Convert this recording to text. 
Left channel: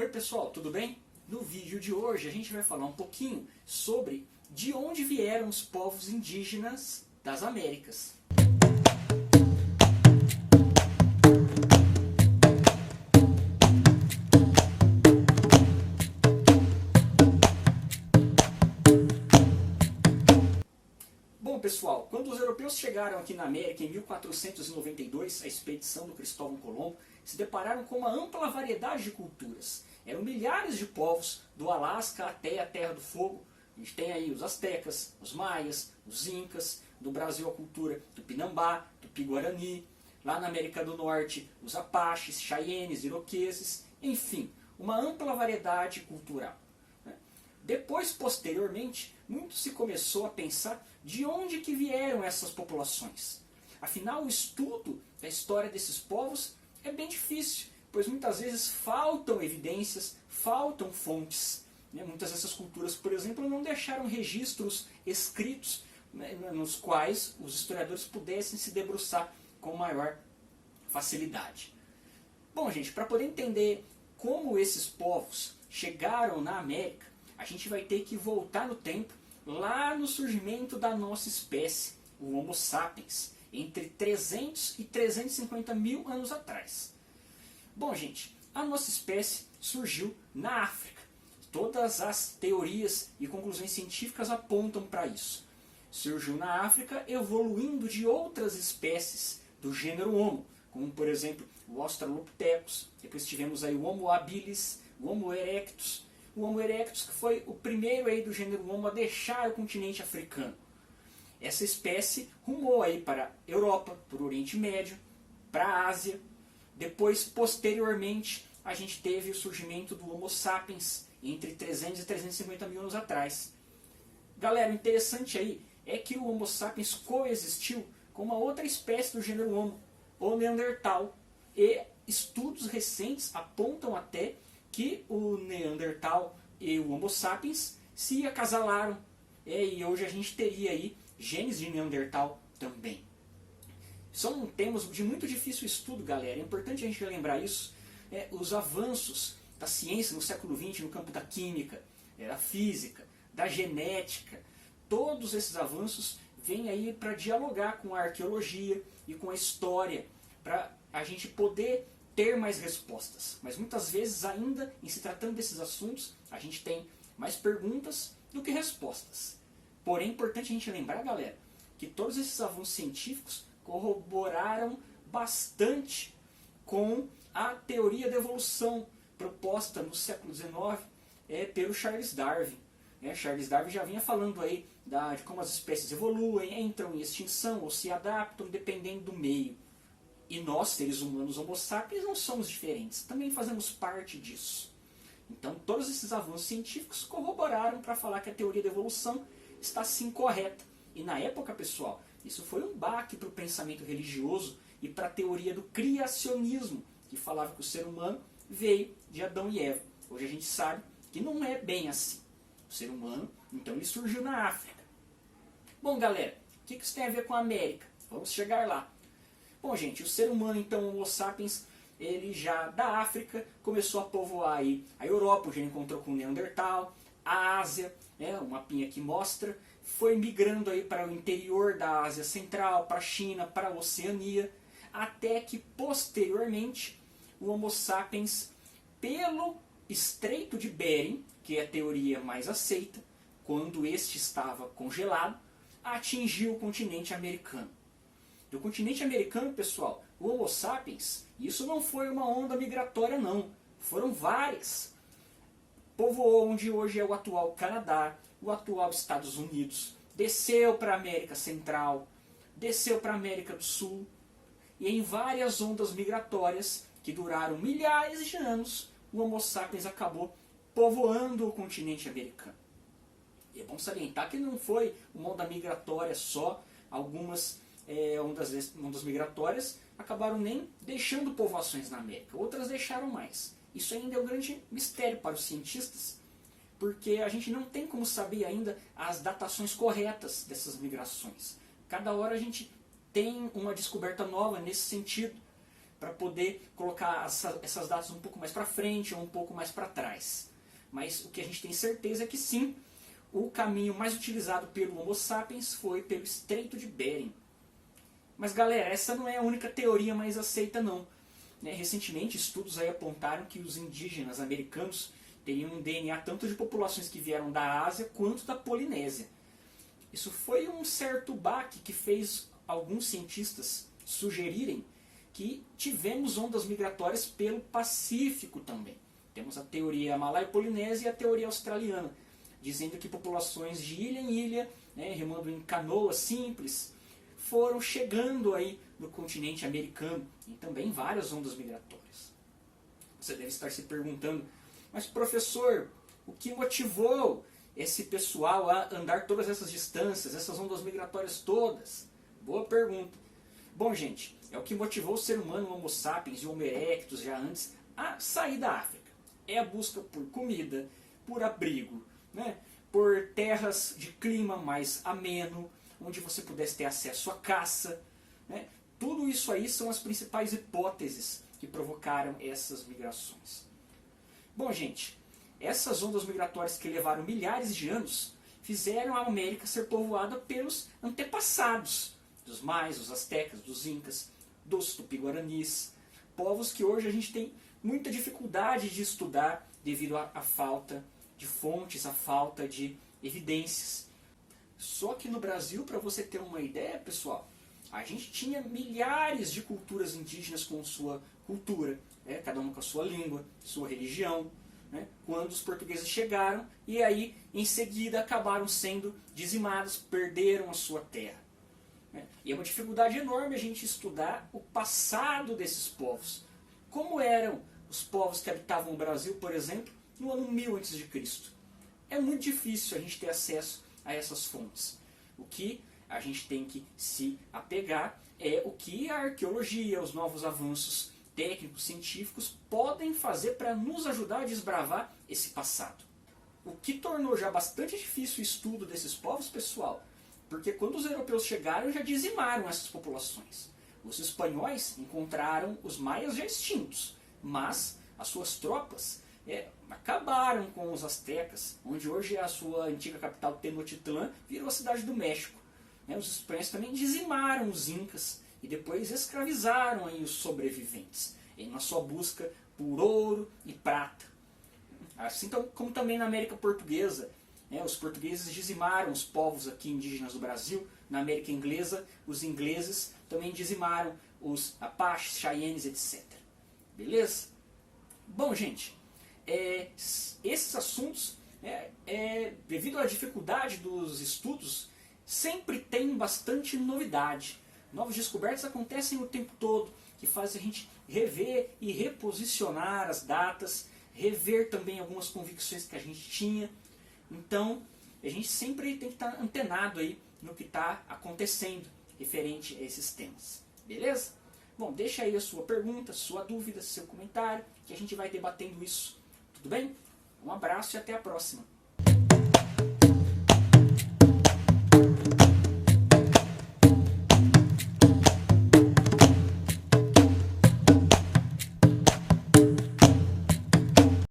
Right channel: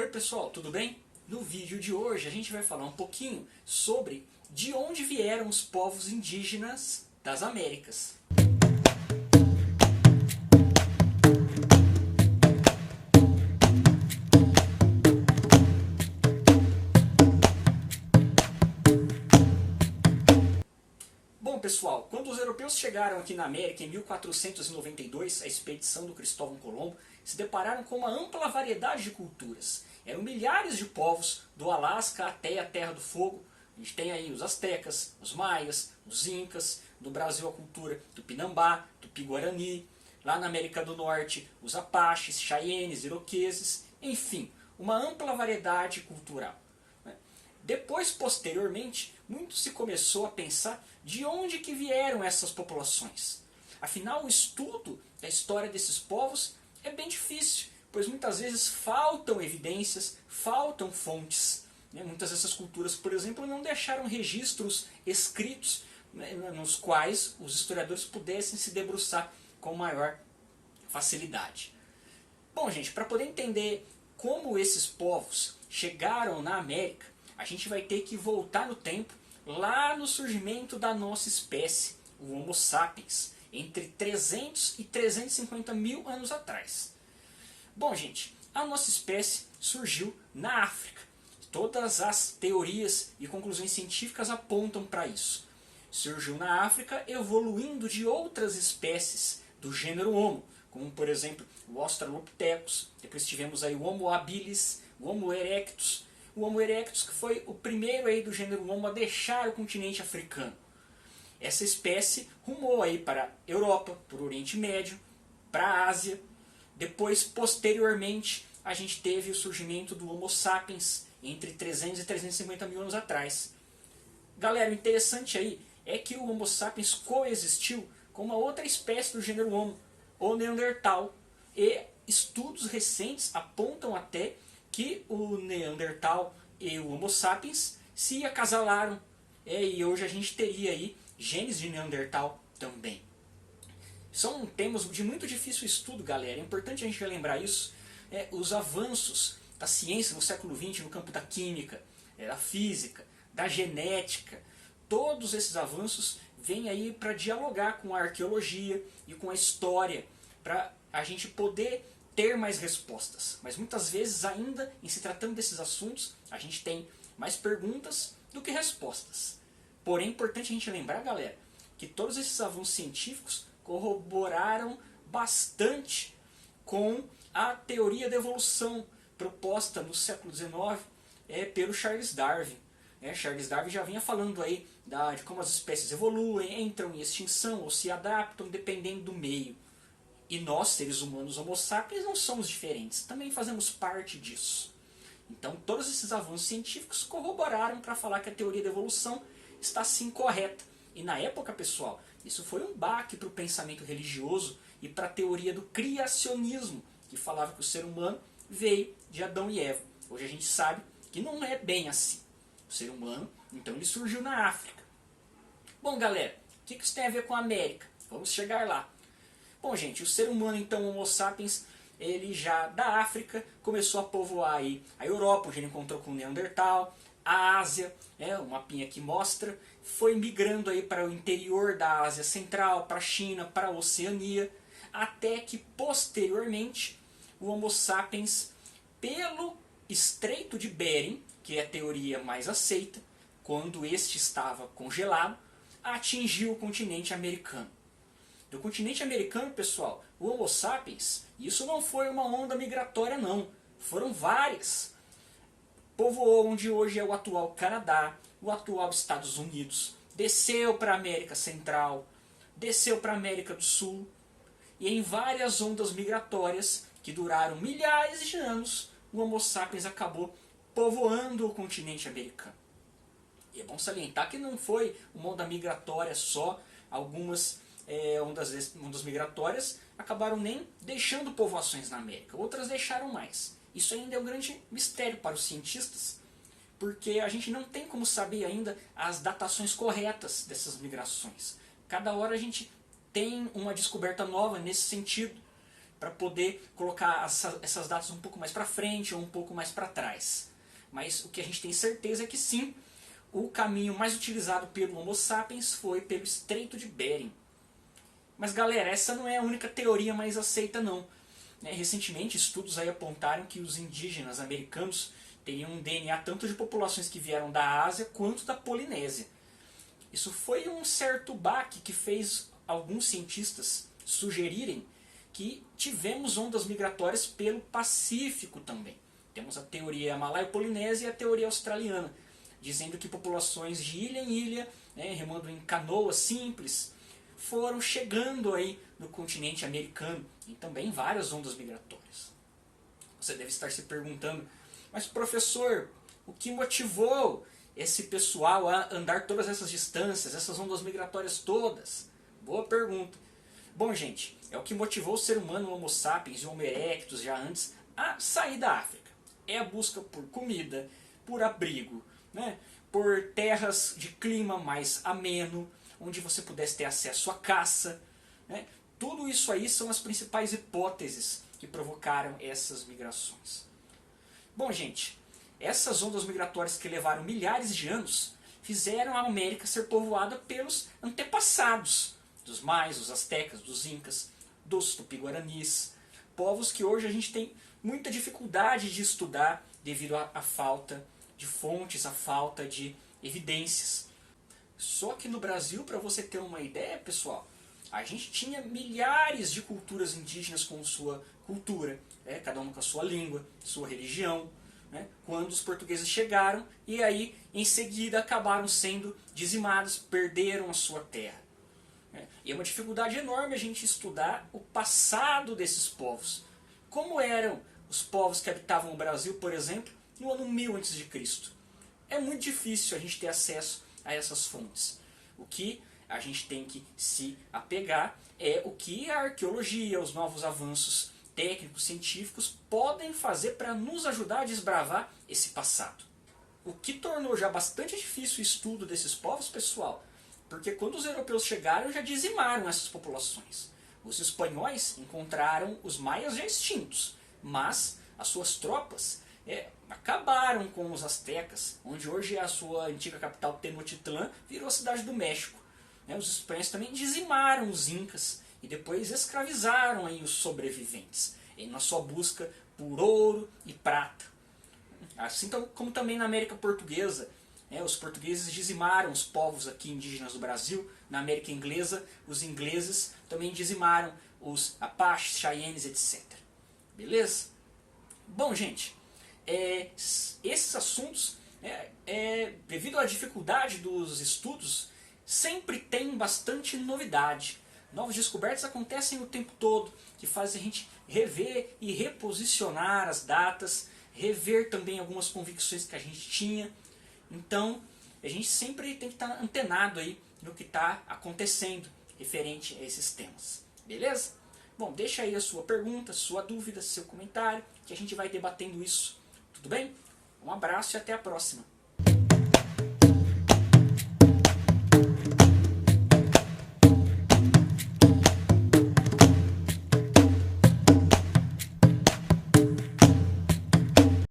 Oi pessoal, tudo bem? No vídeo de hoje a gente vai falar um pouquinho sobre de onde vieram os povos indígenas das Américas. Bom pessoal, quando os europeus chegaram aqui na América em 1492, a expedição do Cristóvão Colombo, se depararam com uma ampla variedade de culturas. Eram milhares de povos, do Alasca até a Terra do Fogo. A gente tem aí os astecas, os maias, os incas, no Brasil a cultura tupinambá, tupi-guarani, lá na América do Norte os apaches, cheyennes, iroqueses, enfim, uma ampla variedade cultural. Depois, posteriormente, muito se começou a pensar de onde que vieram essas populações. Afinal, o estudo da história desses povos é bem difícil, pois muitas vezes faltam evidências, faltam fontes. Muitas dessas culturas, por exemplo, não deixaram registros escritos nos quais os historiadores pudessem se debruçar com maior facilidade. Bom, gente, para poder entender como esses povos chegaram na América, a gente vai ter que voltar no tempo, lá no surgimento da nossa espécie, o Homo sapiens, entre 300 e 350 mil anos atrás. Bom, gente, a nossa espécie surgiu na África. Todas as teorias e conclusões científicas apontam para isso. Surgiu na África evoluindo de outras espécies do gênero Homo, como por exemplo o Australopithecus, depois tivemos aí o Homo habilis, o Homo erectus. O Homo erectus que foi o primeiro aí do gênero Homo a deixar o continente africano. Essa espécie rumou aí para a Europa, para o Oriente Médio, para a Ásia. Depois, posteriormente, a gente teve o surgimento do Homo sapiens entre 300 e 350 mil anos atrás. Galera, o interessante aí é que o Homo sapiens coexistiu com uma outra espécie do gênero Homo, o Neandertal. E estudos recentes apontam até que o Neandertal e o Homo sapiens se acasalaram. E hoje a gente teria aí genes de Neandertal também. São temas de muito difícil estudo, galera. É importante a gente lembrar isso. Os avanços da ciência no século XX no campo da química, da física, da genética, todos esses avanços vêm aí para dialogar com a arqueologia e com a história, para a gente poder ter mais respostas. Mas muitas vezes ainda, em se tratando desses assuntos, a gente tem mais perguntas do que respostas. Porém, é importante a gente lembrar, galera, que todos esses avanços científicos corroboraram bastante com a teoria da evolução proposta no século XIX pelo Charles Darwin. Charles Darwin já vinha falando aí de como as espécies evoluem, entram em extinção ou se adaptam dependendo do meio. E nós, seres humanos Homo sapiens, não somos diferentes, também fazemos parte disso. Então todos esses avanços científicos corroboraram para falar que a teoria da evolução está sim correta. E na época, pessoal, isso foi um baque para o pensamento religioso e para a teoria do criacionismo, que falava que o ser humano veio de Adão e Eva. Hoje a gente sabe que não é bem assim. O ser humano, então, ele surgiu na África. Bom, galera, o que isso tem a ver com a América? Vamos chegar lá. Bom, gente, o ser humano, então, Homo sapiens, ele já da África começou a povoar aí a Europa, onde ele encontrou com o Neandertal, a Ásia, o mapinha aqui mostra, foi migrando aí para o interior da Ásia Central, para a China, para a Oceania, até que posteriormente o Homo sapiens, pelo Estreito de Bering, que é a teoria mais aceita, quando este estava congelado, atingiu o continente americano. Do continente americano, pessoal, o Homo sapiens, isso não foi uma onda migratória não, foram várias. Povoou onde hoje é o atual Canadá, o atual Estados Unidos, desceu para a América Central, desceu para a América do Sul, e em várias ondas migratórias que duraram milhares de anos, o Homo sapiens acabou povoando o continente americano. E é bom salientar que não foi uma onda migratória só, algumas ondas migratórias acabaram nem deixando povoações na América, outras deixaram mais. Isso ainda é um grande mistério para os cientistas, porque a gente não tem como saber ainda as datações corretas dessas migrações. Cada hora a gente tem uma descoberta nova nesse sentido. para poder colocar essas datas um pouco mais para frente ou um pouco mais para trás. Mas o que a gente tem certeza é que sim, o caminho mais utilizado pelo Homo sapiens foi pelo Estreito de Bering. Mas galera, essa não é a única teoria mais aceita não. Recentemente estudos aí apontaram que os indígenas americanos teriam um DNA tanto de populações que vieram da Ásia quanto da Polinésia. Isso foi um certo baque que fez alguns cientistas sugerirem que tivemos ondas migratórias pelo Pacífico também. Temos a teoria malaio-polinésia e a teoria australiana, dizendo que populações de ilha em ilha, remando em canoas simples, foram chegando aí no continente americano e também várias ondas migratórias. Você deve estar se perguntando, mas professor, o que motivou esse pessoal a andar todas essas distâncias, essas ondas migratórias todas? Boa pergunta. Bom, gente, é o que motivou o ser humano, o Homo sapiens e o Homo erectus já antes, a sair da África. É a busca por comida, por abrigo, por terras de clima mais ameno, onde você pudesse ter acesso à caça. Tudo isso aí são as principais hipóteses que provocaram essas migrações. Bom, gente, essas ondas migratórias que levaram milhares de anos fizeram a América ser povoada pelos antepassados dos maias, dos astecas, dos incas, dos tupi-guaranis, povos que hoje a gente tem muita dificuldade de estudar devido à falta de fontes, à falta de evidências. Só que no Brasil, para você ter uma ideia, pessoal, a gente tinha milhares de culturas indígenas com sua cultura, cada uma com a sua língua, sua religião, quando os portugueses chegaram e aí em seguida acabaram sendo dizimados, perderam a sua terra. E é uma dificuldade enorme a gente estudar o passado desses povos. Como eram os povos que habitavam o Brasil, por exemplo, no ano 1000 a.C. É muito difícil a gente ter acesso a essas fontes. O que a gente tem que se apegar é o que a arqueologia, os novos avanços técnicos, científicos podem fazer para nos ajudar a desbravar esse passado. O que tornou já bastante difícil o estudo desses povos, pessoal, porque quando os europeus chegaram já dizimaram essas populações. Os espanhóis encontraram os maias já extintos, mas as suas tropas acabaram com os astecas, onde hoje a sua antiga capital Tenochtitlán virou a cidade do México. Os espanhóis também dizimaram os incas e depois escravizaram aí os sobreviventes, na sua busca por ouro e prata. Assim como também na América Portuguesa, os portugueses dizimaram os povos aqui indígenas do Brasil. Na América Inglesa, os ingleses também dizimaram os Apaches, Cheyennes, etc. Beleza? Bom, gente, esses assuntos, devido à dificuldade dos estudos, sempre tem bastante novidade. Novas descobertas acontecem o tempo todo, que fazem a gente rever e reposicionar as datas, rever também algumas convicções que a gente tinha. Então, a gente sempre tem que estar antenado aí no que está acontecendo referente a esses temas. Beleza? Bom, deixa aí a sua pergunta, sua dúvida, seu comentário, que a gente vai debatendo isso. Tudo bem? Um abraço e até a próxima.